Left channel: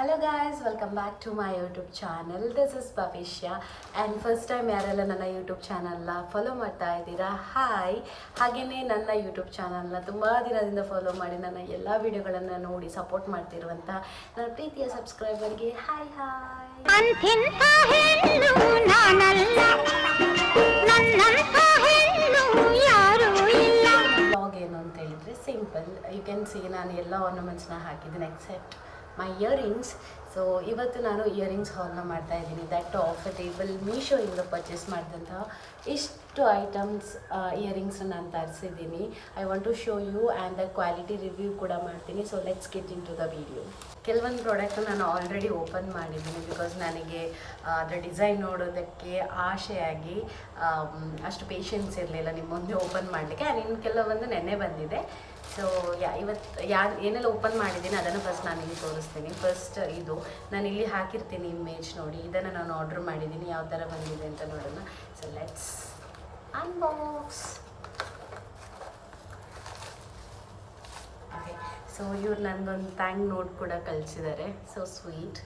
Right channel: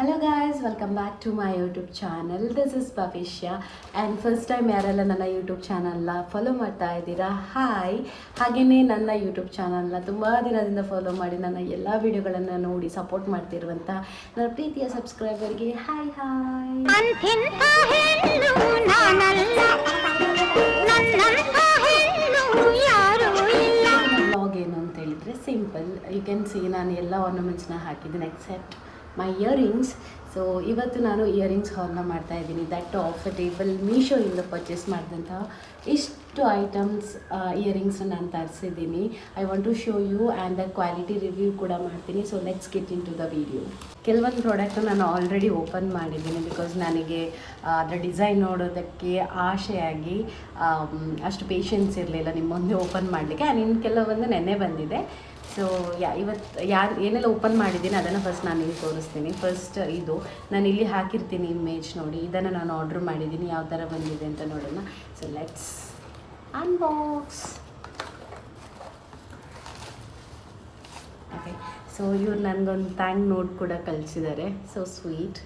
Hello guys, welcome back to my YouTube channel. This is Bhavishya and first time ಯಾರೆಲ್ಲ ನನ್ನ YouTube ಚಾನಲ್ನ follow ಮಾಡ್ತಾ ಇದ್ದೀರಾ, ಹಾಯ್. ಹಾಗೆಯೇ ನನ್ನ ಯೂಟ್ಯೂಬ್ ಚಾನಲ್ನ ತುಂಬ ದಿನದಿಂದ ಫಾಲೋ ಮಾಡಿ ನನ್ನ ಎಲ್ಲ ವಿಡಿಯೋಗಳನ್ನು ನೋಡಿ ಸಪೋರ್ಟ್ ಮಾಡ್ತಿರುವಂಥ ನನ್ನ ಪ್ರೀತಿಯ ಸಬ್ಸ್ಕ್ರೈಬರ್ಗೆ ಹಾಯ್ ಹಾಯ್. ಬ್ಲಾಗ್ ಏನು ಅಂತ ಹೇಳಿದರೆ ಸಿಂಪಲ್. ಯು ಕ್ಯಾನ್ ಸಿ ನಾನು ಎಲ್ಲ ಆರ್ನಮೆಂಟ್ಸ್ನ ಹಾಕಿದ್ದೀನಿ ಎಕ್ಸೆಪ್ಟ್ ಮೈ ಇಯರಿಂಗ್ಸ್. ಸೊ ಇವತ್ತು ನಾನು ಇಯರಿಂಗ್ಸ್ ಹಾಲ್ನ ಮಾಡ್ತಾ ಇದ್ದೀನಿ. ದಟ್ ಆಫ್ ಟೇಬಲ್ ಮೀಶೋಯಿಂದ ಪರ್ಚೇಸ್ ಮಾಡಿದಂತಹ ಇಷ್ಟು ಐಟಮ್ಸ್ ಇಯರಿಂಗ್ಸ್ ನಾನು ತರಿಸಿದ್ದೀನಿ. I want to show you and the quality review ಕೂಡ ಮಾಡ್ತೀನಿ. So let's get into the video. ಕೆಲವೊಂದು ಪ್ರಾಡಕ್ಟು ನಾನು ಆಲ್ರೆಡಿ ಓಪನ್ ಮಾಡಿದ್ದೀನಿ ಬಿಕಾಸ್ ನನಗೆ ಅದರ ಡಿಸೈನ್ ನೋಡೋದಕ್ಕೆ ಆಸೆಯಾಗಿ ಅಷ್ಟು ಪೇಷನ್ಸ್ ಇರಲಿಲ್ಲ ನಿಮ್ಮ ಮುಂದೆ ಓಪನ್ ಮಾಡಲಿಕ್ಕೆ. ಆ್ಯಂಡ್ ಇನ್ನು ಕೆಲವೊಂದು ನೆನ್ನೆ ಬಂದಿದೆ. ಸೊ ಇವತ್ತು ಏನೆಲ್ಲ ಓಪನ್ ಮಾಡಿದ್ದೀನಿ ಅದನ್ನು ಫಸ್ಟ್ ನಾನು ಇಲ್ಲಿ ತೋರಿಸ್ತೀನಿ. ಫಸ್ಟ್ ಇದು ನಾನು ಇಲ್ಲಿ ಹಾಕಿರ್ತೀನಿ ಇಮೇಜ್ ನೋಡಿ. ಇದನ್ನು ನಾನು ಆರ್ಡ್ರ್ ಮಾಡಿದ್ದೀನಿ, ಯಾವ ಥರ ಬಂದಿದೆ ಅಂತ ನೋಡೋಣ. So let's unbox. Okay, so ಇವ್ರು ನನಗೊಂದು ಥ್ಯಾಂಕ್ ನೋಟ್ ಕೂಡ ಕಳಿಸಿದ್ದಾರೆ. So sweet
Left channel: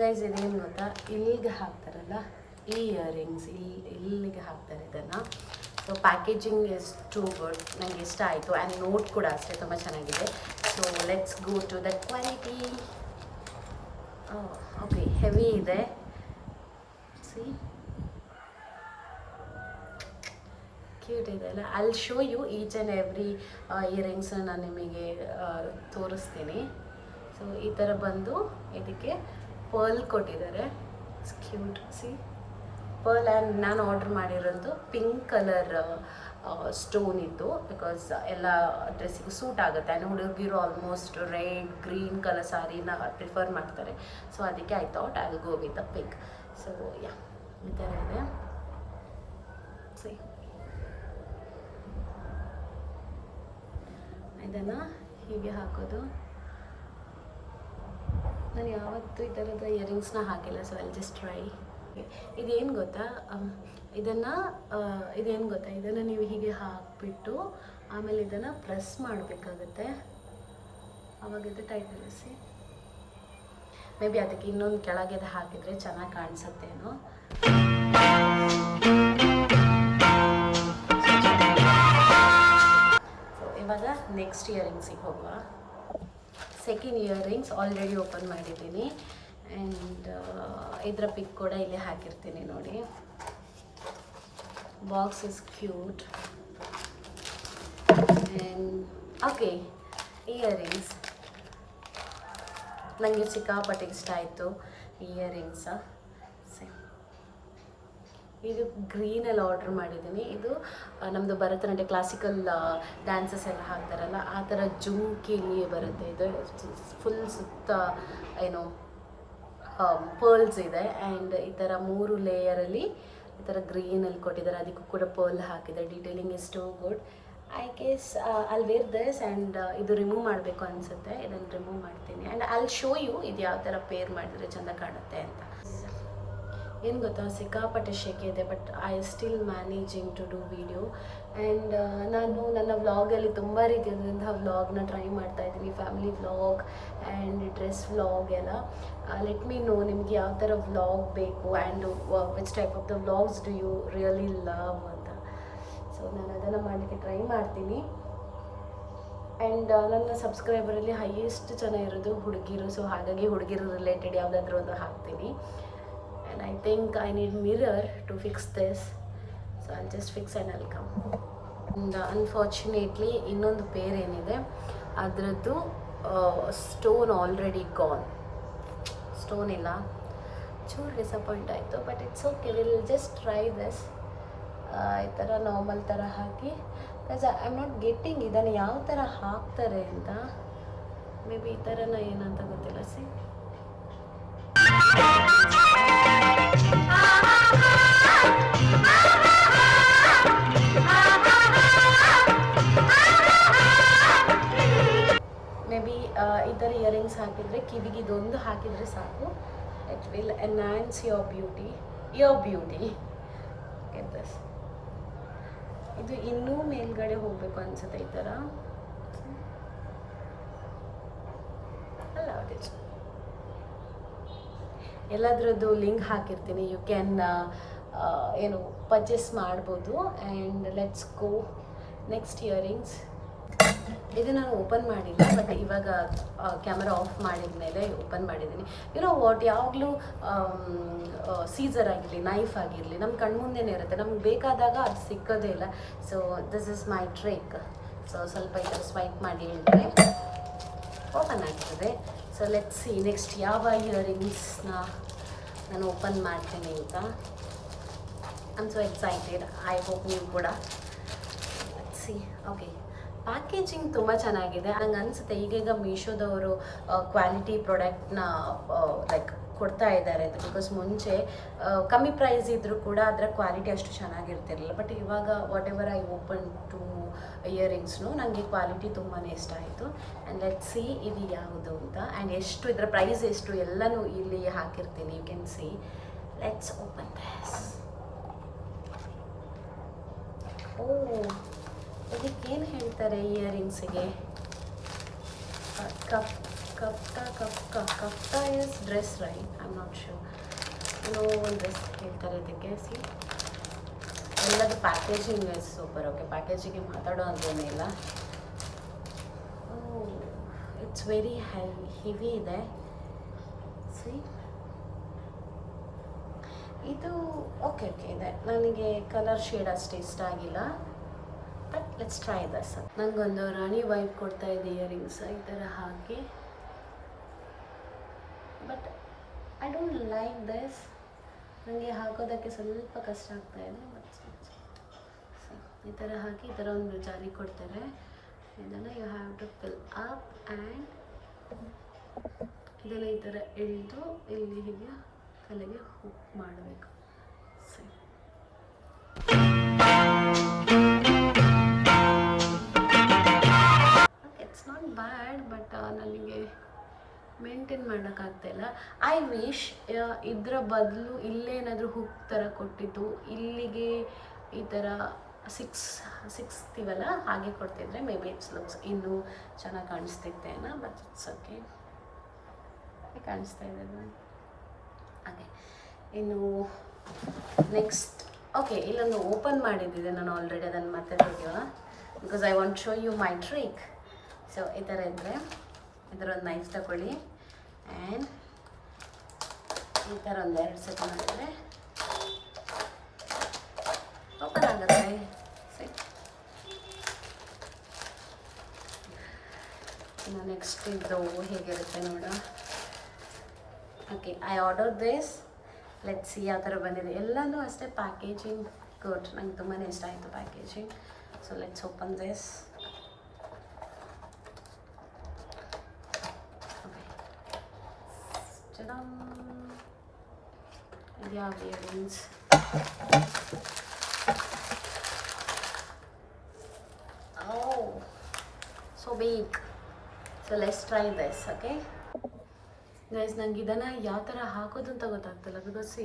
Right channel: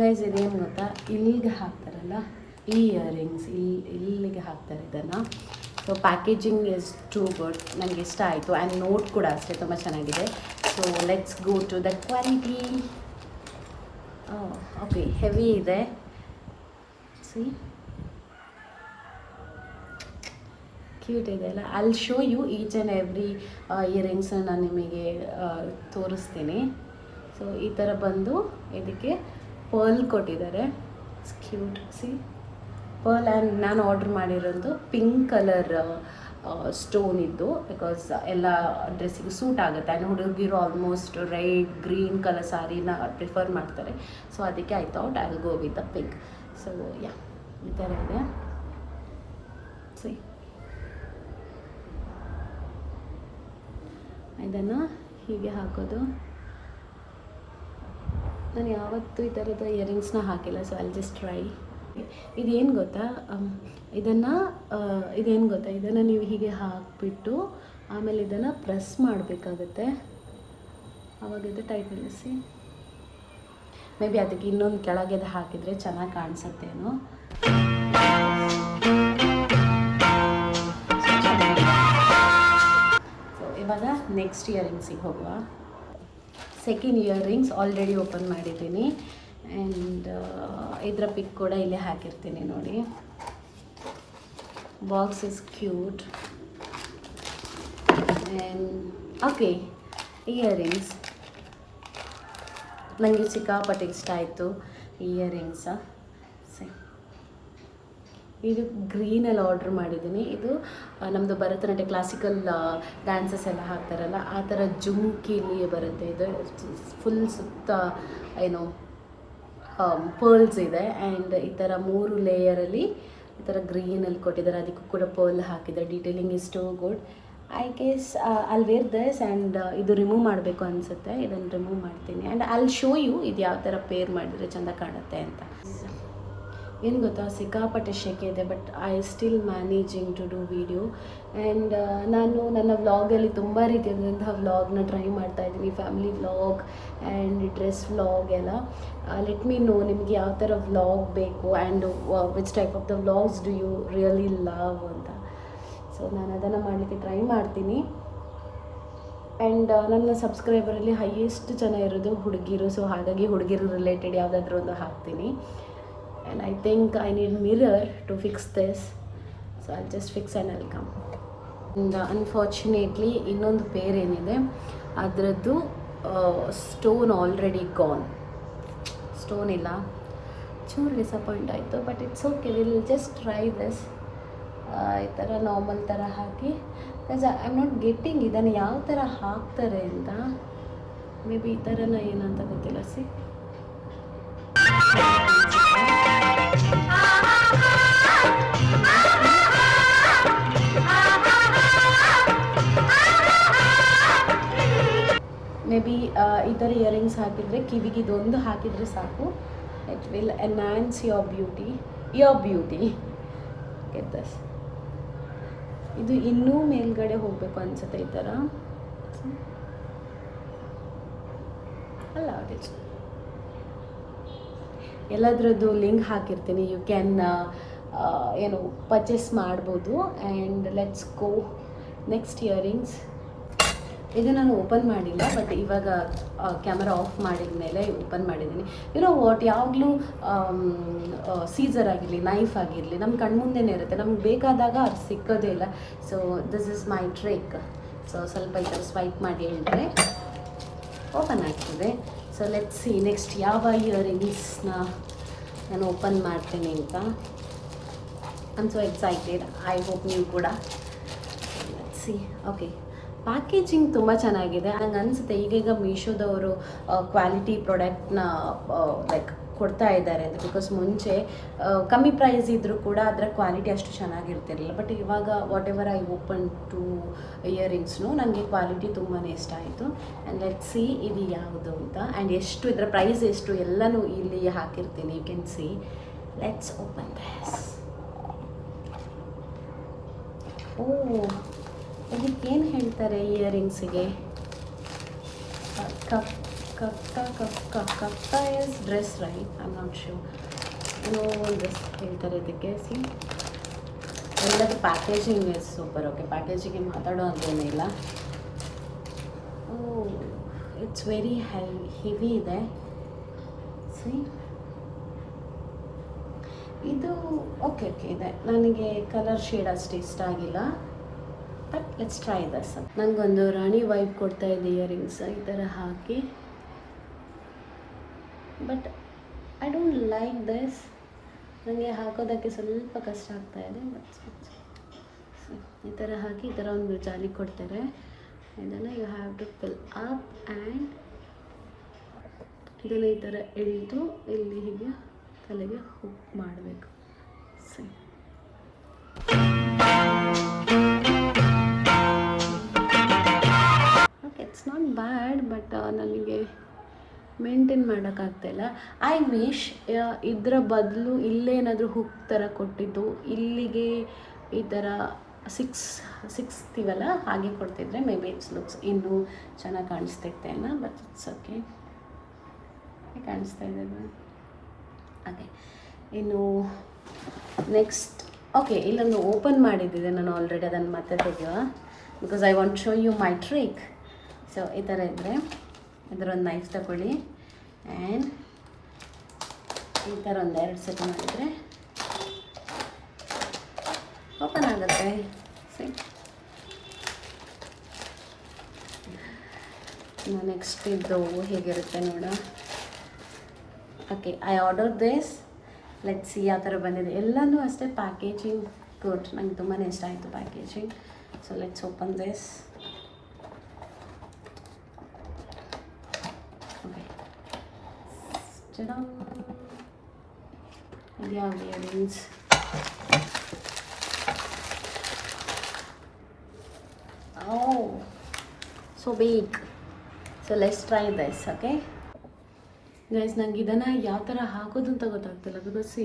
guys. ಇದೇನು ಗೊತ್ತಾ, ಇಲ್ಲಿಗೆ ಹಾಕ್ತಾರಲ್ಲ ಈ ಇಯರಿಂಗ್ಸ್, ಇಲ್ಲಿಗೆ ಹಾಕ್ತಾರೆ ಇದನ್ನು. So packaging is too good, ನನಗೆ ಇಷ್ಟ ಆಯಿತು. ಆ್ಯಂಡ್ ನೋಟ್ ಕೂಡ ಅಷ್ಟೇ ತುಂಬ ಚೆನ್ನಾಗಿದೆ. So let's go to the quality. Okay, heavy ಇದೆ. ಸಿ ಕ್ಯೂಟ್ ಇದೆ ಅಲ್ಲ. I'll show you each and every earrings ನಾನು ನಿಮಗೆ ತೋರಿಸ್ತೀನಿ. ಸೊ ಈ ಥರ ಬಂದು ಇದಕ್ಕೆ ಪರ್ಲ್ ಕೊಟ್ಟಿದ್ದಾರೆ. Cute C pearl. ಆ್ಯಂಡ್ ನಾನು ಆರ್ಡ್ರ್ ಮಾಡಿರೋದು ಪಿಂಕ್ ಕಲರ್ ಸ್ಟೋನ್ ಇದ್ದು, ಬಿಕಾಸ್ ಎಲ್ಲ ಡ್ರೆಸ್ಸಿಗೆ ಸೂಟ್ ಆಗುತ್ತೆ. ಆ್ಯಂಡ್ ಹುಡುಗಿರು ಆಲ್ಮೋಸ್ಟ್ ರೆಡ್ ಗ್ರೀನ್ ಕಲರ್ ಸಾರಿನ ಪ್ರಿಫರ್ ಮಾಡ್ತಾರೆ. ಸೊ ಅದಕ್ಕೆ I thought I will go with the pink. So yeah, ಈ ಥರ ಇದೆ. ಸಿ ಇದನ್ನು ಹೀಗೆ ಹಾಕೋದು. ನಾನು ಯಾವತ್ತೂ ಈ ಥರದ ಇಯರಿಂಗ್ಸ್ನ ಹಾಕಿಲ್ಲ. So I just try. ಇದೇನು ಗೊತ್ತಾ, ಇದನ್ನು ನೀವು ಹೀಗೆ ಹಾಕಿಬಿಟ್ಟು ಆಮೇಲೆ ಇದನ್ನು ಪ್ರೆಸ್ ಮಾಡಬೇಕಾಗತ್ತೆ. ಆವಾಗ ಇದು ಟೈಟ್ ನಿಲ್ಲಿಸಿ. ಮೇ ಬಿ ಅದಕ್ಕೆ ಇನ್ನೊಂದು ಕೆಳಗೆ ಹಾಕಿದರೆ ಚೆನ್ನಾಗಿ ಕಾಣಿಸುತ್ತೇನೋ. ಸೊ ಇವಾಗ ನೆಕ್ಸ್ಟ್ ಇಯರಿಂಗ್ಸಿಗೆ ಹೋಗುವ. ಸೆಕೆಂಡ್ ಇಯರಿಂಗ್ಸ್ ಆಲ್ರೆಡಿ ಓಪನ್ ಮಾಡಿದ್ದೀನಿ. ಆ್ಯಂಡ್ ಇದರ ಪಿಕ್ ಕೂಡ ಇಲ್ಲೇ ಹಾಕಿರ್ತೀನಿ ನೋಡಿ. Box is cute. And okay, earrings ನನಗೆ ಸಿಕ್ಕಾಪಟ್ಟೆ ಇಷ್ಟ ಆಯಿತು ಇಯರಿಂಗ್ಸ. ಇದು ಗ್ರೀನಲ್ಲಿ ಆರ್ಡ್ರ್ ಮಾಡಿದ್ದೀನಿ. ಇದು ನಮ್ಮದು ಭರತನಾಟ್ಯ ಕ್ಲಾಸಿಕಲ್ ಡ್ಯಾನ್ಸಸ್ ಎಲ್ಲ ಹಾಕ್ತಾರಲ್ಲ ಆ ಥರ ಜುಮ್ಕಿಲಿ ಬರುತ್ತೆ. ಇದು ಫುಲ್ ಸುತ್ತ ಏನು ಪರ್ಲ್ಸ್ ಇದೆ. ಆ್ಯಂಡ್ ಈ ಥರ 3 ಲೇಯರಲ್ಲಿ ಈ ಥರ ಗ್ರೀನಲ್ಲಿ ಕೊಟ್ಟಿದ್ದಾರೆ. ಅದಕ್ಕೂ ಕೂಡ ಪರ್ಲ್ ಹಾಕಿದ್ದಾರೆ. Detailing is too good. I guess I'll wear this. And ಇದು ರಿಮೂವ್ ಮಾಡಬೇಕು ಅನಿಸುತ್ತೆ. ಇದನ್ನು ರಿಮೂವ್ ಮಾಡ್ತೀನಿ. ಆ್ಯಂಡ್ ಐಲ್ ಶೋ ಯು ಇದು ಯಾವ ಥರ ಪೇರ್ ಮಾಡಿದರೆ ಚೆಂದ ಕಾಣುತ್ತೆ ಅಂತ. ಏನು ಗೊತ್ತಾ, ಸಿಕ್ಕಾಪಟ್ಟೆ ಶೆಕೆ ಇದೆ, but I still managing to do video. And ನಾನು ನನ್ನ ವ್ಲಾಗಲ್ಲಿ ತುಂಬ ರೀತಿಯಾದಂತಹ ವ್ಲಾಗ್ನ ಟ್ರೈ ಮಾಡ್ತಾಯಿದ್ದೀನಿ. Family vlog and dress vlog ಎಲ್ಲ. ಲೆಟ್ ಮೀ ನೋ ನಿಮಗೆ ಯಾವ ಥರ ವ್ಲಾಗ್ ಬೇಕು and which type of the vlogs do you really love ಅಂತ. ಸೊ ನಾನು ಅದನ್ನು ಮಾಡಲಿಕ್ಕೆ ಟ್ರೈ ಮಾಡ್ತೀನಿ. ಆ್ಯಂಡ್ ನನ್ನ ಸಬ್ಸ್ಕ್ರೈಬರಲ್ಲಿ ಹೈಯೆಸ್ಟ್ ಜನ ಇರೋದು ಹುಡುಗಿರು. ಸೊ ಹಾಗಾಗಿ ಹುಡುಗಿರು ರಿಲೇಟೆಡ್ ಯಾವುದಾದ್ರೂ ಒಂದು ಹಾಕ್ತೀನಿ. And I think I need mirror to fix this. So I'll just fix and I'll come. And unfortunately ಇನ್ನೊಂದು ಪೇರ್ ಏನಿದೆ ಅದರದ್ದು ಸ್ಟೋನ್ ಆಲ್ರೆಡಿ ಗಾನ್. ಸ್ಟೋನ್ ಇಲ್ಲ. ಚೂರು ಡಿಸಪಾಯಿಂಟ್ ಆಯಿತು, but it's okay. Will just try this. ಈ ಥರ normal ಥರ ಹಾಕಿ. Because I am not getting ಇದನ್ನು ಯಾವ ಥರ ಹಾಕ್ತಾರೆ ಅಂತ. ಮೇ ಬಿ ಈ ಥರನ ಏನಂತ ಗೊತ್ತಿಲ್ಲ. ಸಿ ಮೇ ಬಿ ಈ ಥರ ಇಯರಿಂಗ್ಸ್ ಹಾಕಿದರೆ ಕಿವಿಗೆ ಇದೊಂದು ಹಾಕಿದರೆ ಸಾಕು. It will enhance your beauty. Get this. ಇದು ಇನ್ನೂ ಮೇಲ್ಗಡೆ ಹೋಗಬೇಕು ಅನಿಸುತ್ತೆ ಈ ಥರ. allowed it. ಎಲ್ಲದರದ್ದು ಲಿಂಕ್ ಹಾಕಿರ್ತೀನಿ, ಯು ಕ್ಯಾನ್ ಏನು ಪರ್ಚೇಸ್ ಮಾಡ್ಬೋದು. And let's go next earrings. ಇದು ನಾನು ಓಪನ್ ಮಾಡಿಲ್ಲ, ಬಟ್ ಇವಾಗ ಕ್ಯಾಮರಾ ಆಫ್ ಮಾಡಿದ ಮೇಲೆ ಓಪನ್ ಮಾಡಿದ್ದೀನಿ. ಯುನೋ ವಾಟ್, ಯಾವಾಗಲೂ ಸೀಸರ್ ಆಗಿರಲಿ, ನೈಫ್ ಆಗಿರಲಿ ನಮ್ಮ ಕಣ್ಮುಂದೆನೇ ಇರುತ್ತೆ, ನಮ್ಗೆ ಬೇಕಾದಾಗ ಅದು ಸಿಕ್ಕೋದೇ ಇಲ್ಲ. So this is my trick. So ಸ್ವಲ್ಪ ಈ ಥರ ಸ್ವೈಪ್ ಮಾಡಿ ಹೇಳಿದ್ರೆ ಓಪನ್ ಆಗ್ತದೆ. ಸೊ ಲೆಟ್ಸ್ ಸಿ ನೆಕ್ಸ್ಟ್ ಯಾವ ಇಯರಿಂಗ್ಸ್ನ ನಾನು ಓಪನ್ ಮಾಡ್ತೀನಿ ಅಂತ. I am so excited, I hope ನೀವು ಕೂಡ. Let's see. ಓಕೆ, ಪ್ಯಾಕೇಜಿಂಗ್ ತುಂಬ ಚೆನ್ನಾಗಿದೆ. ನಂಗೆ ಅನಿಸುತ್ತೆ ಈಗೀಗ ಮೀಶೋದವರು ಕ್ವಾಲಿಟಿ ಪ್ರಾಡಕ್ಟ್ನ ಲೈಕ್ ಕೊಡ್ತಾ ಇದ್ದಾರೆ ಅಂತ. ಬಿಕಾಸ್ ಮುಂಚೆ ಕಮ್ಮಿ ಪ್ರೈಸ್ ಇದ್ದರೂ ಕೂಡ ಅದರ ಕ್ವಾಲಿಟಿ ಅಷ್ಟು ಚೆನ್ನಾಗಿರ್ತಿರಲಿಲ್ಲ. ಬಟ್ ಇವಾಗ whatever I open to ಇಯರಿಂಗ್ಸ್ನು ನನಗೆ ಕ್ವಾಲಿಟಿ ತುಂಬಾ ಇಷ್ಟ ಆಯಿತು. ಆ್ಯಂಡ್ ಲೆಟ್ ಸಿ ಇದು ಯಾವುದು ಅಂತ, ಆ್ಯಂಡ್ ಎಷ್ಟು ಇದರ ಪ್ರೈಸ್ ಎಷ್ಟು ಎಲ್ಲನೂ ಇಲ್ಲಿ ಹಾಕಿರ್ತೀನಿ. You can see. Let's open this. Oh, ಇದಕ್ಕೇನು ಹೇಳ್ತಾರೆ ಇಯರಿಂಗ್ಸಿಗೆ? ಕಫ್ತಾ is dress, right? I am not sure. ಏನೋ ಡ್ರೆಸ್ ಹೇಳ್ತಾರೆ ಇದಕ್ಕೆ. ಸಿ, ಎಲ್ಲದು ಪ್ಯಾಕೇಜಿಂಗ್ ಇಸ್ ಸೂಪರ್. ಓಕೆ, ಪ್ಯಾಕೇಜಿಂಗ್ಗೆ ಮಾತಾಡೋ ಅಂತೇನೇ ಇಲ್ಲ. ಓ, ಇಟ್ಸ್ ವೆರಿ ಹೆವಿ ಇದೆ. ಸಿ, ಇದು ಓಕೆ ಇದೆ. ನನಗೆ ಕಲರ್ ಶೇಡ್ ಅಷ್ಟು ಇಷ್ಟ ಆಗಿಲ್ಲ, ಬಟ್ ಲೆಟ್ಸ್ ಟ್ರೈ ದಸ್. ನನಗೊಂದು ರಾಣಿ ವೈಬ್ ಕೊಡ್ತಾ ಇದೆ ಇಯರಿಂಗ್ಸ್ ಈ ಥರ ಹಾಕಿ. But I don't like this. ನನಗೆ ಹಾಕೋದಕ್ಕೆ ಸ್ವಲ್ಪ ಕಷ್ಟ ಆಗ್ತಾ ಇದೆ. ಈ ಥರ ಹಾಕಿ ಈ ಥರ ಒಂದು ಜಾಲಿ ಕೊಡ್ತಾರೆ. ಇದನ್ನು you have to fill up and ಇದನ್ನು ಈ ಥರ ಎಳೆದು ಇಲ್ಲಿ ಹೀಗೆ ತಲೆಗೆ ಹುಕ್ ಮಾಡಬೇಕು. ಸರಿ, ಇಟ್ಸ್ ನಾಟ್ ಬ್ಯಾಡ್, ಬಟ್ ನನಗೆ ಮೇಂಟೈನ್ ಮಾಡೋಕ್ಕಾಗ್ತಾಯಿಲ್ಲ. ಐ ವಿಶ್ ಇದರ ಬದಲು ಇಲ್ಲೇನಾದರೂ ಹುಕ್ ಥರ ಕೊಟ್ಟಿದ್ದು ಇಲ್ಲಿಗೆ ಈ ಥರ ಸಿಕ್ಸ್ತೀವಲ್ಲ ಹಾಗೆ ಕೊಡ್ತಿದ್ರೆ ಮೇ ಬಿ ಇಟ್ಸ್ ಲುಕ್ಸ್ ಇನ್ನೂ ಚೆನ್ನಾಗಿ ಕಾಣಿಸ್ತಿತ್ತೇನ. ಬಟ್ ಇಟ್ಸ್ ಓಕೆ, ಕಾಣಿಸ್ತಾ ಇದೆ ಹಾಗೆ. ಇನ್ನು ನೆಕ್ಸ್ಟ್ ಓಕೆ, ಇಲ್ಲೊಂದು ಓಪನ್ ಮಾಡಿದ್ದಿದೆ ನಾನು ಆಲ್ರೆಡಿ, ಅದನ್ನು ಮತ್ತೆ ತೆಗೆಯುವ. Because I want show you my trick. So ಈ ಥರ ಇದ್ದರೆ ಇದರೊಂದು ನೈಫ್ ತಗೊಳ್ಳಿ ಆ್ಯಂಡ್ ಈ ಥರ ಒಂದು 2 ಸೆಟ್ ಮಾಡಿದರೆ ಓಪನ್ ಆಗುತ್ತೆ. ಸಿ, ನೆಕ್ಸ್ಟ್ ಇದು ಹೇಗಿರುತ್ತೆ ನೋಡ. Okay, I order this. Let's see ಯಾವ ಥರ ಬಂದಿದೆ. ಎಲ್ಲನೂ ಅಷ್ಟೇ ಪ್ಯಾಕೇಜಿಂಗ್ ಗುಡ್. ನಂಗೆ ತುಂಬಾ ಇಷ್ಟ ಆಯಿತು packaging. So let's open this. Okay, ಇದ್ಯಾವ earrings? Oh, so big. So let's try this. Okay guys, ನಂಗೆ ಇದನ್ನು ಯಾವ ಥರ ಹಾಕೋದು ಅಂತ ಗೊತ್ತಾಗ್ತಿಲ್ಲ. ಬಿಕಾಸ್ ಸಿ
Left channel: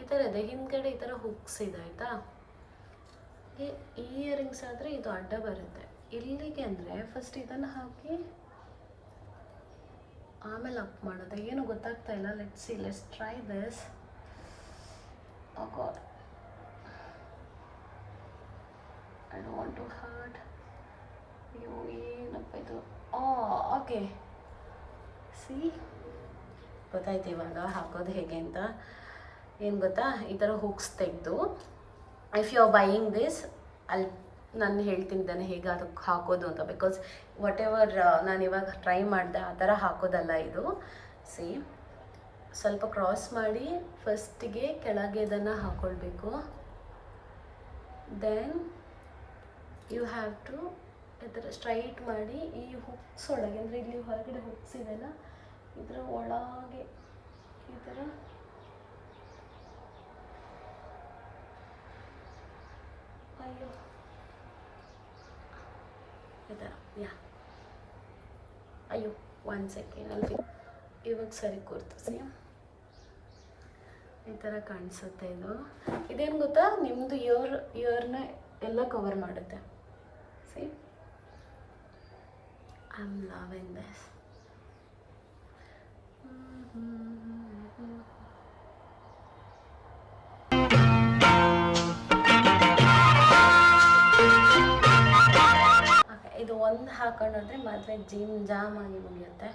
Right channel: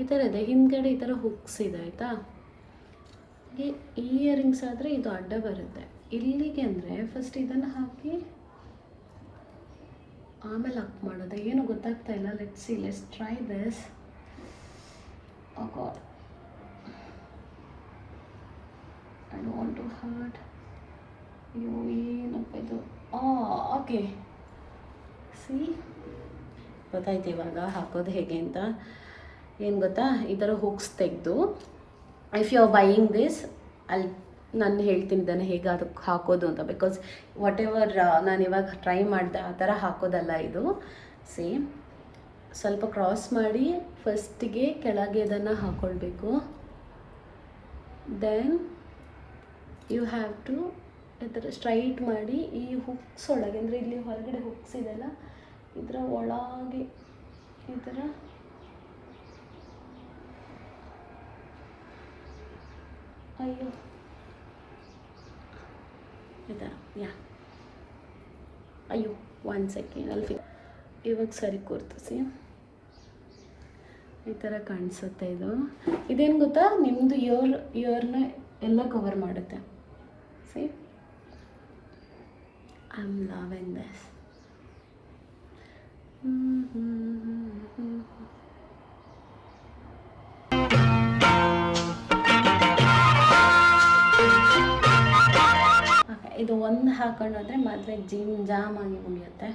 ಈ ಥರ ಇದೆ, ಹಿಂದ್ಗಡೆ ಈ ಥರ ಹುಕ್ಸ್ ಇದೆ ಆಯಿತಾ. ಈ ಇಯರಿಂಗ್ಸ್ ಆದರೆ ಇದು ಅಡ್ಡ ಬರುತ್ತೆ ಇಲ್ಲಿಗೆ. ಅಂದರೆ ಫಸ್ಟ್ ಇದನ್ನು ಹಾಕಿ ಆಮೇಲೆ ಅಪ್ ಮಾಡೋದು, ಏನು ಗೊತ್ತಾಗ್ತಾ ಇಲ್ಲ. Let's see, let's try this. Oh god, I don't want to hurt. ಅಯ್ಯೋ, ಏನಪ್ಪ ಇದು? ಓಕೆ, ಸಿ ಗೊತ್ತಾಯ್ತು ಇವಾಗ ಹಾಕೋದು ಹೇಗೆ ಅಂತ. ಏನು ಗೊತ್ತಾ, ಈ ಥರ ಹುಕ್ಸ್ ತೆಗೆದು if you are buying this ನಾನು ಹೇಳ್ತೀನಿ ಇದನ್ನು ಹೇಗೆ ಅದಕ್ಕೆ ಹಾಕೋದು ಅಂತ. ಬಿಕಾಸ್ ವಾಟ್ ಎವರ್ ನಾನು ಇವಾಗ ಟ್ರೈ ಮಾಡಿದೆ ಆ ಥರ ಹಾಕೋದಲ್ಲ ಇದು. ಸಿ, ಸ್ವಲ್ಪ ಕ್ರಾಸ್ ಮಾಡಿ ಫಸ್ಟಿಗೆ ಕೆಳಗೆ ಇದನ್ನು ಹಾಕ್ಕೊಳ್ಬೇಕು. ದೆನ್ ಯು ಹ್ಯಾವ್ ಟು ಈ ಥರ ಸ್ಟ್ರೈಟ್ ಮಾಡಿ ಈ ಹುಕ್ಸ್ ಒಳಗೆ, ಅಂದರೆ ಇಲ್ಲಿ ಹೊರಗಡೆ ಹುಕ್ಸ್ ಇದೆಲ್ಲ ಇದರ ಒಳಗೆ ಈ ಥರ ಅಯ್ಯೋ ಈ ಥರ ಅಯ್ಯೋ 1 ಸೆಕೆಂಡ್ ಅಲ್ಲಿ ಇವಾಗ ಸರಿ ಕೂರ್ತಿಸಿ. ಈ ಥರ ಕಾಣಿಸುತ್ತೆ ಇದು. ಇದೇನು ಗೊತ್ತಾ, ನಿಮ್ಮದು ಇಯರ್ನ ಎಲ್ಲ ಕವರ್ ಮಾಡುತ್ತೆ. C, I am loving this. ಇದು ಒಂದು ಹಾಕೊಂಡೋದ್ರೆ ಮದುವೆ ಜಿಮ್ ಜಾಮ್ ಆಗಿ ಮುಗಿಯುತ್ತೆ.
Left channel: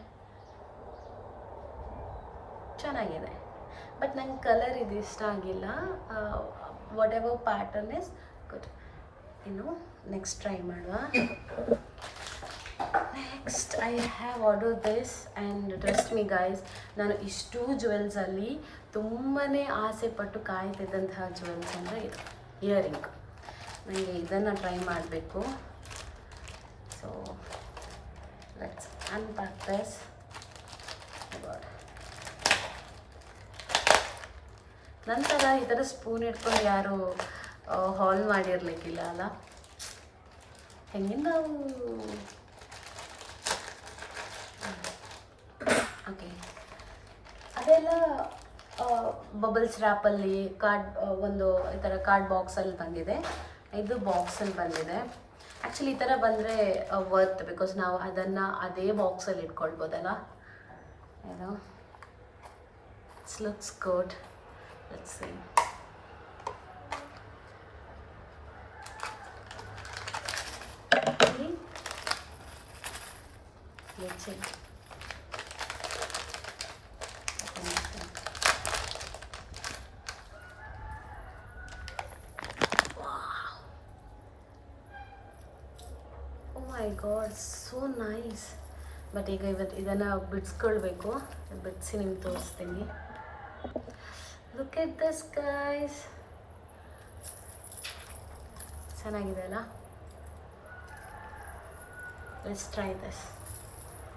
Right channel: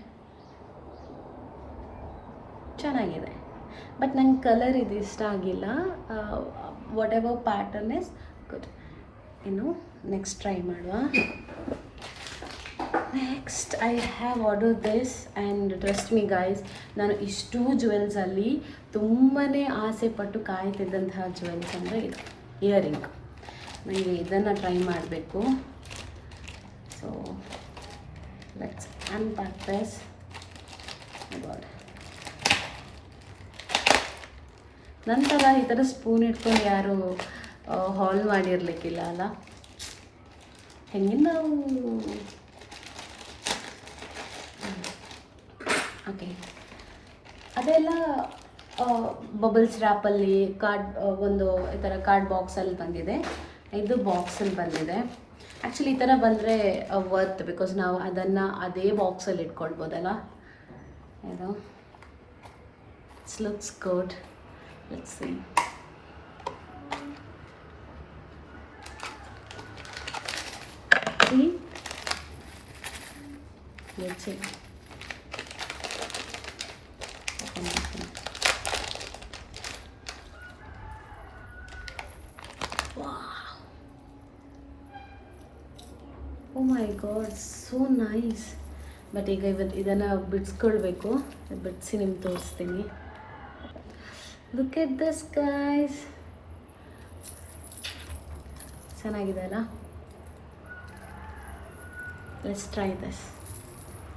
ಚೆನ್ನಾಗಿದೆ, ಬಟ್ ನಂಗೆ ಕಲರ್ ಇದು ಇಷ್ಟ ಆಗಿಲ್ಲ. What ever pattern is good. ಇನ್ನು ನೆಕ್ಸ್ಟ್ ಟ್ರೈ ಮಾಡುವ. Next I have order this and trust me guys, ನಾನು ಇಷ್ಟು ಜ್ಯುವೆಲ್ಸಲ್ಲಿ ತುಂಬಾ ಆಸೆ ಪಟ್ಟು ಕಾಯ್ತಿದ್ದಂತಹ ಜ್ಯುವೆಲ್ಸ್ ಅಂದರೆ ಇದು ಇಯರಿಂಗ್. ನನಗೆ ಇದನ್ನು ಟ್ರೈ ಮಾಡಬೇಕು. So let's unpack this. God, ನಂತರ ಈ ಥರ ಸ್ಪೂನ್ ಇಟ್ಕೊಂಡು ಯಾರು ಹಾಲ್ ಮಾಡಿರ್ಲಿಕ್ಕಿಲ್ಲ ಅಲ್ಲ. ಹೆಂಗೆ ನಾವು ಓಕೆ, ಅದೆಲ್ಲ ಬಬಲ್ಸ್ ರ್ಯಾಪಲ್ಲಿ ಒಂದು ಈ ಥರ ಕಾರ್ಡ್ ಬಾಕ್ಸಲ್ಲಿ ಬಂದಿದೆ. ಇದು ಬಾಕ್ಸಲ್ಲಿ ಬಂದಿದೆ. ಆ್ಯಕ್ಚುಲಿ ಈ ಥರ ಬಂದರೆ ವರ್ತ್, ಬಿಕಾಸ್ ನಾವು ಅದನ್ನು ಅದೇ ಬಾಕ್ಸಲ್ಲಿ ಇಟ್ಕೊಳ್ಬೋದಲ್ಲ. ಇದು it's looks good. Let's see. See? Let's see. Wow. Oh my God, so nice. But ಈಗ ಇದನ್ನು ಬಿಡಿಸ್ಕೊಳ್ಬೇಕು. ಬಿಡಿಸಿ ನಿಮ್ಗೆ ತೋರಿಸ್ತೀನಿ. Look at this guys. ಚೆನ್ನಾಗಿದೆ ಅಲ್ಲ? Let's try this.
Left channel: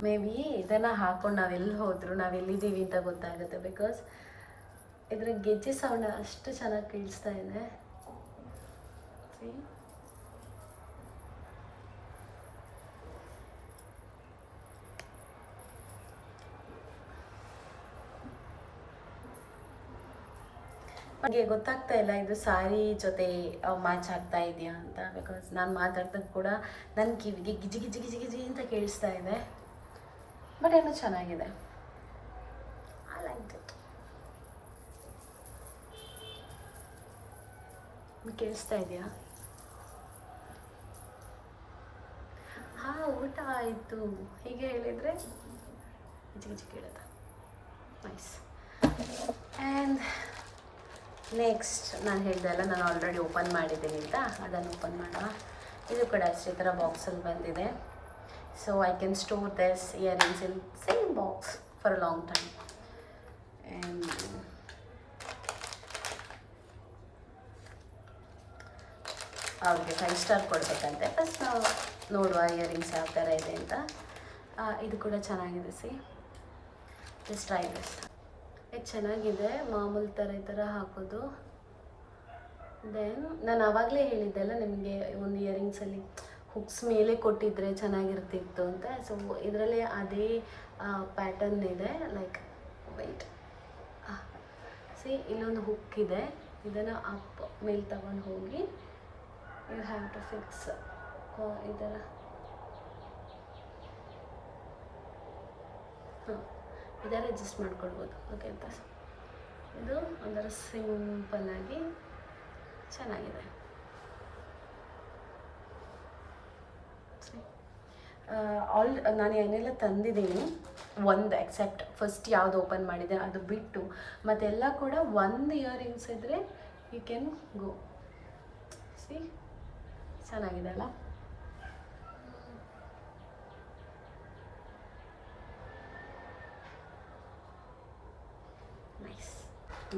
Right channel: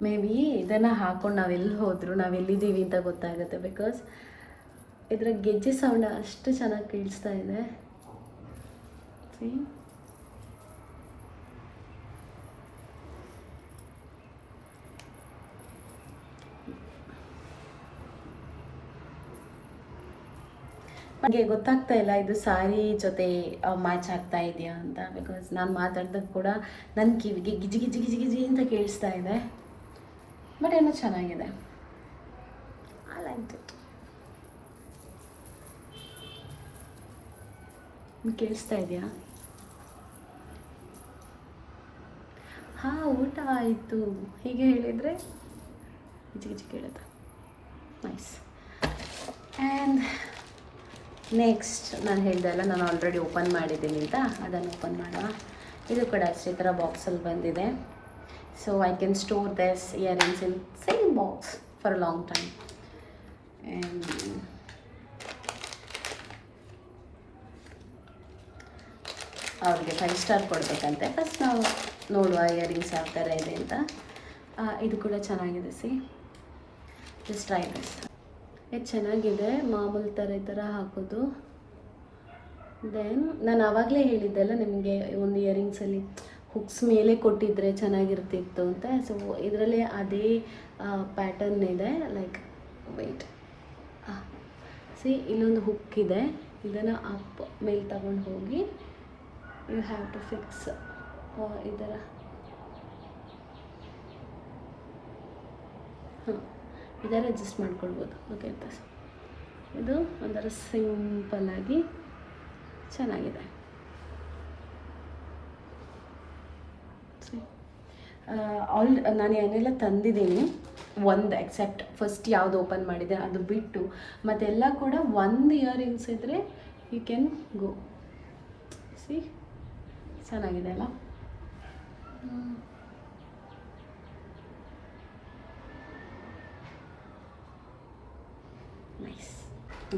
May be ಇದನ್ನು ಹಾಕೊಂಡು ನಾವೆಲ್ಲಿ ಹೋದರೂ ನಾವೆಲ್ಲಿದ್ದೀವಿ ಅಂತ ಗೊತ್ತಾಗುತ್ತೆ, ಬಿಕಾಸ್ ಇದರ ಗೆಜ್ಜೆ ಸೌಂಡ್ ಅಷ್ಟು ಚೆನ್ನಾಗಿ ಕೇಳಿಸ್ತಾ ಇದೆ. See? ನನಗೆ ಗೊತ್ತಾಗ್ತಾ ಇಲ್ಲ ಇದು ಸ್ಯಾರಿ ಜೊತೆ ಮ್ಯಾಚ್ ಆಗ್ತಾ ಇದೆಯಾ ಅಂತ, ಬಿಕಾಸ್ ನಾನು ಮಾತಾಡ್ದಾಗ ಕೂಡ ನನ್ನ ಕಿವಿಗೆ ಗಿಜಿ ಗಿಜಿ ಗಿಜಿ ಗಿಜಿ ಅಂತ ಕೇಳಿಸ್ತಾ ಇದೆ. ಬಟ್ ಏನೋ ಚೆನ್ನಾಗಿದೆ. I like it. ಕೇಳಿಸ್ತಾ ಇದೆಯಾ? ಹಾಂ, ಊಟ ಆಯಿತು ಹೀಗೆ ಹೇಳಿದರೆ ಗಿಜಿ ಗಿಜಿ ಕೇಳುತ್ತಾ. ನೈಸ್. ಆ್ಯಂಡ್ ನೆಕ್ಸ್ಟ್ ನಾನು ಹೇಳಿದೆ ಅಲ್ಲ, ನಾನು ಆಲ್ರೆಡಿ ಓಪನ್ ಮಾಡಿದ್ದೀನಿ ಅಂತ, ಅದನ್ನು ಓಪನ್ ಮಾಡುವ. ಇದು ಕೂಡ ಅಷ್ಟೇ ಥರ ಬಾಕ್ಸಲ್ಲಿ ಬಂದಿದೆ. So I can store this earrings in same box for a long time. And ಅವ್ರಿಗೆ 5 ಸ್ಟಾರ್ ಕೊಡಬೇಕಂತೆ. ಫಸ್ಟ್ ನಾವು ನೋಡುವ ಇಯರಿಂಗ್ಸ್ ಯಾವ ಥರ ಇದೆ ಅಂತ. ಇದು ಕೂಡ ಚೆನ್ನಾಗಿದೆ. C, just try this. ಇದು ಚೆನ್ನಾಗಿದೆ, ಮಾಮೂಲಿ ಥರ ಈ ಥರ ಹಾಕೋದು. ದೆನ್ ನಾನು ಆವಾಗಲೇ ಹೇಳಿದ್ದೆಲ್ಲ ನಿಮಗೆ, ಒಂದು ಇಯರಿಂಗ್ಸಲ್ಲಿ ಹುಕ್ಸ್ ಮೇಲೆ ಕೊಟ್ಟಿದ್ದರೆ ಚೆನ್ನಾಗಿರ್ತಿತ್ತು ಅಂತ. ಸೊ ಇದರಲ್ಲೇ ಅದೇ ಪ್ಯಾಟರ್ನ್ ಇದೆ. ಲೈಕ್ ವೆಯ್ಟ್, ಸಿ ಇಲ್ಲೊಂದು ಹುಕ್ ಇದೆ. ಇದನ್ನು ಅಪ್ ಮೇಲೆ ತಗೊಂಡು ಹೋಗಿ ಯು ಹ್ಯಾವ್ ಟು ಫಿಕ್ಸ್ ಈ ಥರ. ಹಾಂ, ಇದರ ಅಡ್ಜಸ್ಟ್ ಮಾಡ್ಕೊಳ್ಬೋದು. ಓಕೆ ಅಂತ ಇದು ಒಂಥರ ಸಿಂಪಲ್ಲಾಗಿ ಚೆನ್ನಾಗಿದೆ. ನಾನು ಏನೆಲ್ಲ ತಂದಿದ್ದೀನಿ, ಒಂದು ಎಕ್ಸೆಪ್ಟ್ ಫಸ್ಟ್ ಯಾವುದು ಓಪನ್ ಮಾಡಿದೆ ಅದು ಬಿಟ್ಟು ಮತ್ತೆಲ್ಲ ಕೂಡ ಒಂದು ಇಯರಿಂಗ್ಸ್ ಇದ್ದರೆ ಯು ಕ್ಯಾನ್ ಗೋ. ಸಿ, ಚೆನ್ನಾಗಿದೆ ಅಲ್ಲ? Nice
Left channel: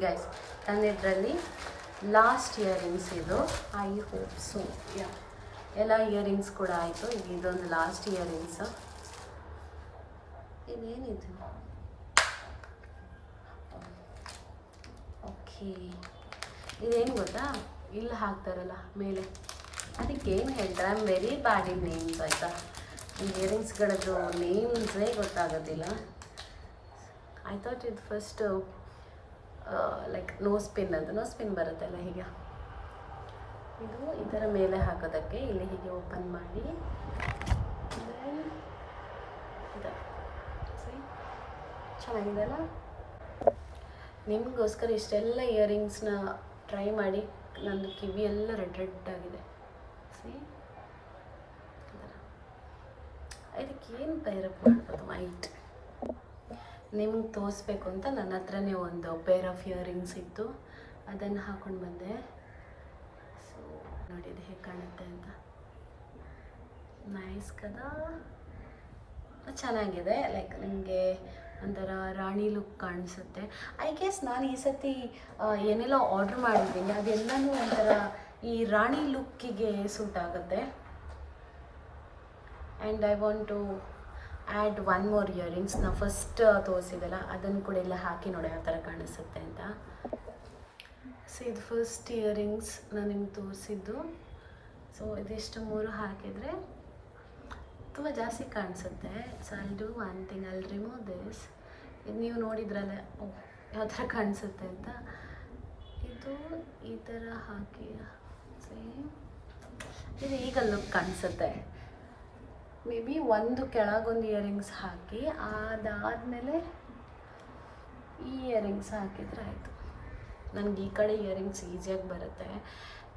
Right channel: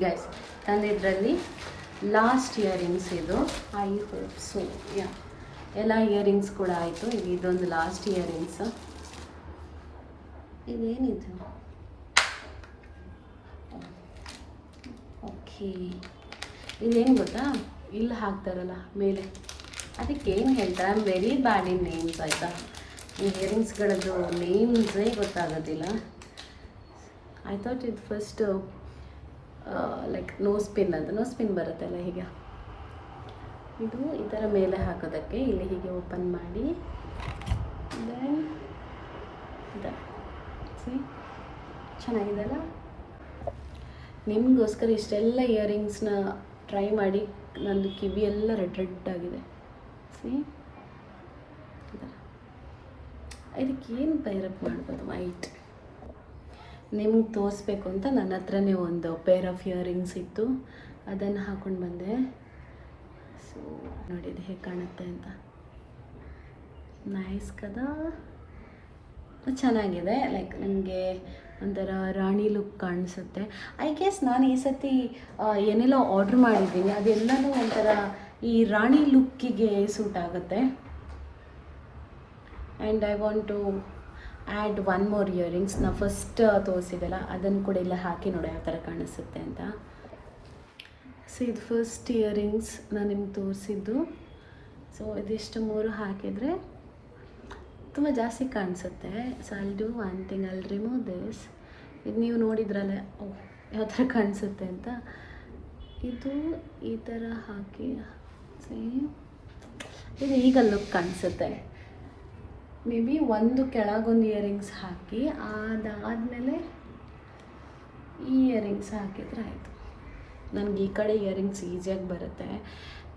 guys. ತಂದಿದ್ರಲ್ಲಿ ಲಾಸ್ಟ್ ಇಯರಿಂಗ್ಸ್ ಇದು. I hope so. ಯಾ, ಎಲ್ಲ ಇಯರಿಂಗ್ಸ್ ಕೂಡ ಆಯಿತು. ಇದೊಂದು ಲಾಸ್ಟ್ ಇಯರಿಂಗ್ಸ್. ಇದೇನಿದು? ಓಕೆ, ಇದೇನು ಗೊತ್ತಾ, ಇಲ್ಲಿ ಹಾಕ್ತಾರಲ್ಲ ಮೇಲೆ, ಅದಕ್ಕೆ ಏನು ಹೇಳ್ತಾರೆ, I am very bad in names. ಆಯಿತಾ, ಈ ಇಯರಿಂಗ್ಸ್ಗಳದ್ದು ನೇಮ್ಸೇ ಗೊತ್ತಾಗೋದಿಲ್ಲ. ಐ ಥಾಟ್ ಇದು ಫಸ್ಟ್ ಲೈಕ್ ನೋಸ್ ಪಿನ್ ಅಂತ, ನೋಸ್ ಪಿನ್ ಬರುತ್ತಲ್ಲ ಹೀಗೆ, ಇದು ಈ ಥರ ಮೇಲೆ ಹಾಕೋದಕ್ಕೆ ಇಲ್ಲಿ ಹೀಗೆ ಓಪನ್ ಮಾಡಿ ದೆನ್ ಸಿ ಚೆನ್ನಾಗಿದೆ ಅಲ್ಲ? ನಿಮಗೋಸ್ಕರ ಇಷ್ಟೆಲ್ಲ ಇಯರಿಂಗ್ಸ್ನ ಟ್ರೈ ಮಾಡಿ ನಂದು ಕಿವಿ ಎಲ್ಲ ರೆಡ್ ಆಗಿದೆ. ಸಿ ಈ ಥರ ಇದಕ್ಕೇನು ಪೈರಪ್ ಮಾಡ್ಬೋದು ವೈಟ್. ನಿಮ್ಗೆ ತೋರಿಸ್ಬೇಕು ಅಂತ ನನ್ನ ಹತ್ರನೇ ಒಂದು ಪೇರ್ ಆಫ್ ಇಯರಿಂಗ್ಸ್ ಇತ್ತು, ಅದನ್ನು ಹಾಕ್ಕೊಂಡು ಬಂದೆ. ಸೊ ನೋಡಿ ಇದು ಹೇಗೆ ಕಾಣುತ್ತೆ ಅಂತ. ನೈಸ್ ಕದಾ, ಚೆನ್ನಾಗಿದೆ. ಲೈಕ್ ನನಗೆ ಒಂಥರ ರಾಣಿ ಲುಕ್ ಕಾಣಿಸುತ್ತೆ. ಐ ಗೆಸ್ ನಾನು ಈ ಸತಿ ಏನೆಲ್ಲ ಆರ್ಡ್ರ್ ಮಾಡಿದ್ದೀನಿ ಅದೆಲ್ಲನೂ ಒಂಥರ ಈ ರಾಣಿ ಲುಕ್ಕಿಗೆ ಸೂಟ್ ಆಗುತ್ತೆ. And I want to add one more earrings. ನಾವು ಫಸ್ಟ್ ತೋರಿಸಿದಲ್ಲ ಅದನ್ನು ಕೂಡ ಎಲ್ಲ ಹಾಕಿ ನೋಡಿ ಯಾವ ಥರ ಕಾಣಿಸುತ್ತೆ ಅಂತ. ಸೊ ಇದು ಫಸ್ಟ್ ಇಯರಿಂಗ್ಸ್ ನಾನು ನಿಮ್ಗೆ ತೋರಿಸಿದ್ದು. ಸೊ ಇದಿಷ್ಟು 3 ಹಾಕಿದರೆ ತುಂಬ ಜಾಸ್ತಿ ಕಾಣಿಸುತ್ತೆ. So I'll do one thing, I'll remove this. ಇದು ನೀವು ನೋಡಿದ್ರಲ್ಲ ಯಾವ ಥರ ಕಾಣಿಸುತ್ತೆ ಅಂತ. ಇದು ಈ ಥರ ಹಾಕಿ ಇದು ಈಗ ಲುಕ್ ಕಾಣಿಸುತ್ತೆ. ಮೇ ಬಿ ಒಂದು ಕೆಳಗೊಂದು ಇಯರಿಂಗ್ಸ್ ಹಾಕಿ ಅದಾದಮೇಲೆ ಈ ಇಯರಿಂಗ್ಸ್ ಹಾಕಿದರೆ ಆಯಿತು. ನನಗೆ ಈ ಕಡೆ ಇಯರಿಂಗ್ಸ್ ಈಸಿಯಾಗಿ ಬರುತ್ತೆ.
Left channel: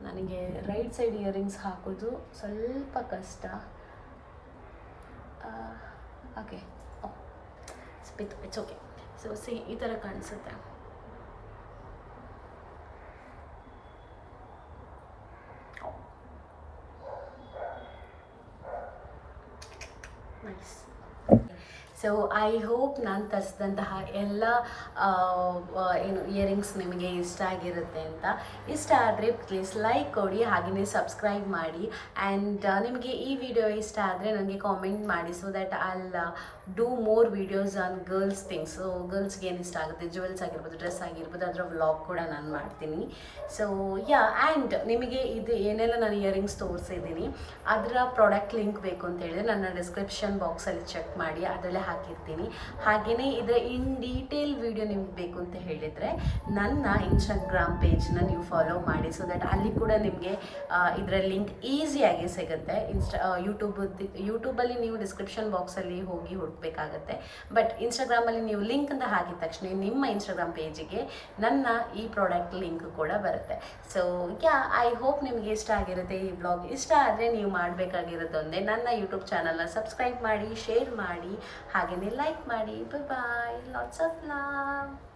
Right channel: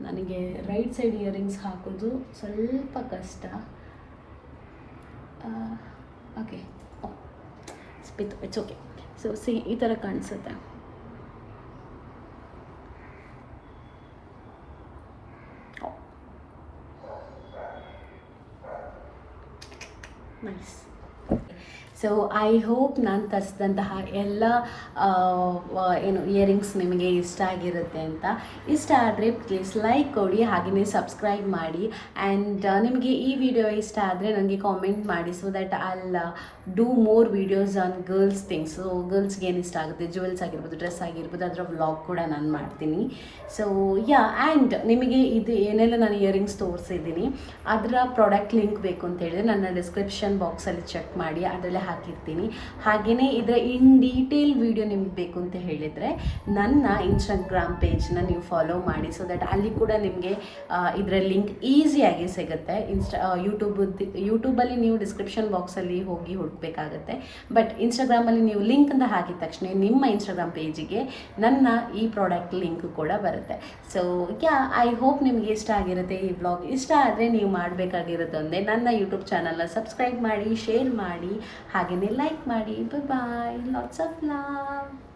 ನನಗೆ ರೈಟ್ ಸೈಡ್ ಇಯರಿಂಗ್ಸ್ ಹಾಕೋದು ಸ್ವಲ್ಪ ಕಷ್ಟ. ಓಕೆ ಸ್ಪಿತ್ ಇಟ್ಸ್ ಓಕೆ. ಸೊ ಈ ಥರ ಕಾಣಿಸುತ್ತೆ. ನೈಸ್. ಸೊ ಐ ಹೋಪ್ ನಾನು ತರಿಸಿದಂತಹ ಎಲ್ಲ ಏನು ಇಯರಿಂಗ್ಸ್ ನಿಮಗೆ ಇಷ್ಟ ಆಗಿರುತ್ತೆ ಅಂತ. ಇಷ್ಟ ಆದರೆ ಪ್ಲೀಸ್ ಲೈಕ್ ಕೊಡಿ, ಹಾಗೆಯೇ ಸಬ್ಸ್ಕ್ರೈಬ್ ಮಾಡಿ. ಆ್ಯಂಡ್ ನಿಮಗೆ ಈ ವಿಡಿಯೋ ಇಷ್ಟ ಆದರೆ ನನಗೆ ಕಾಮೆಂಟ್ ಮಾಡಿ, so that I'll do more videos on girls things. ಸೊ ಗರ್ಲ್ಸ್ಗೆ ಏನು ಇಷ್ಟ ಆಗುತ್ತೆ, ಜ್ಯುವೆಲ್ಸ್ ಆಗಿರ್ಬೋದು, ಡ್ರೆಸ್ ಆಗಿರ್ಬೋದು, ಅದರ ವ್ಲಾಗ್ ಕೂಡ ನಾನು ಮಾಡ್ತೀನಿ. ಸೊ ಯಾ, ಆ್ಯಂಡ್ ನಿಮಗೆ ಇದು ಏನೆಲ್ಲ ನಾನು ಇಯರಿಂಗ್ಸ್ ತೋರಿಸಿದ್ದೀನಿ ಅದರ ಪ್ರಾಡಕ್ಟ್ ಲಿಂಕ್ ಬೇಕು ಅಂತ ಹೇಳಿದ್ರೆ ನನ್ನ ಡಿಸ್ಕ್ರಿಪ್ಷನ್ ಬಾಕ್ಸಲ್ಲಿ ಚೆಕ್ ಮಾಡಿ, ಅದರಲ್ಲೇ ಹಾಕಿರ್ತೀನಿ. ಹಾಗೆಯೇ ಇದರ ಇನ್ ಡೀಟೇಲ್ ವಿಡಿಯೋ ನಿಮ್ಗೆ ಬೇಕು ಅಂತ ಹೇಳಿದರೆ ನನ್ನ ಇನ್ಸ್ಟಾಗ್ರಾಮ್ ಪೇಜ್ನ ನೀವು ಫಾಲೋ ಮಾಡಿ, ಸೊ ದ್ಯಾಟ್ ಅಲ್ಲಿ ಕೂಡ ನಿಮಗೆ ಇದರ ಲಿಂಕ್ ಈಸಿಯಾಗಿ ಸಿಗುತ್ತೆ. ಯೂಟ್ಯೂಬಲ್ಲಿ ನೀವು ಡಿಸ್ಕ್ರಿಪ್ಷನ್ ಬಾಕ್ಸಲ್ಲಿ ಹೋಗಿ ಹುಡುಕಬೇಕಾಗತ್ತೆ. ಬಟ್ ಇನ್ಸ್ಟಾಗ್ರಾಮಲ್ಲಿ ನೀವು ಲಿಂಕ್ ಅಂತ ಹಾಕಿದ ತಕ್ಷಣ ನಿಮ್ಮ ಇನ್ಸ್ಟಾಗ್ರಾಮ್ ಪೇಜಿಗೆ ನನ್ನ ಈ ಪ್ರಾಡಕ್ಟ್ ಲಿಂಕ್ ಕೂಡ ಬರುತ್ತೆ. ಸೊ ಯಾ, ಐ ಹೋಪ್ ನಿಮಗೆ ಇಷ್ಟ ಆಗಿರುತ್ತೆ ಈ ಬ್ಲಾಗ್. ಇಷ್ಟ ಆದರೆ ನೀವು ಮಾಡಬೇಕಾಗಿರೋದೊಂದೇ ನನ್ನ ಯೂಟ್ಯೂಬ್ ಚಾನಲ್ನ ಸಬ್ಸ್ಕ್ರೈಬ್ ಮಾಡಿ, ಶೇರ್ ಮಾಡಿ, ಹಾಗೆಯೇ ಲೈಕ್ ಮಾಡಿ. ಬಾಯ್, ಲಾಟ್ಸ್ ಆಫ್ ಲವ್.